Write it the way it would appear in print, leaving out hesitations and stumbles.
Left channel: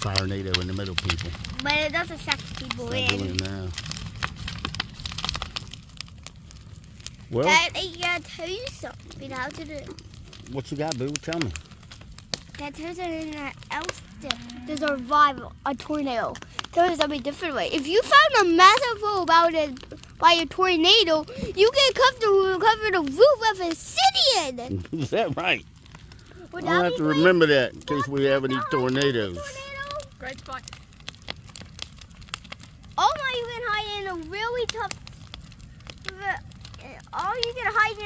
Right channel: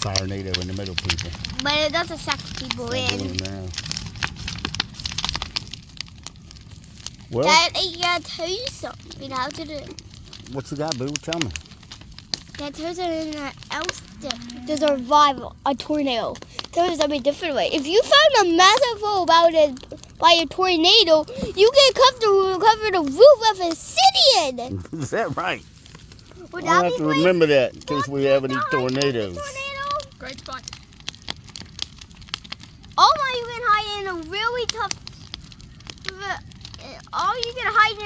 tornado in the middle, people. But it doesn't suck people in. Now. Well, Dad, I gotta tell you something. How to do? what you got, boo? Tell me. That turns out else to survive a tornado. There's a different way. If you found a massive hole by a tornado, you can cover the roof of a city in. Is that right? Would I'll that have be to great? remember that in case we have any tornadoes. Great spot. Oh my, you can hide in a really tough. Oh, you can hide in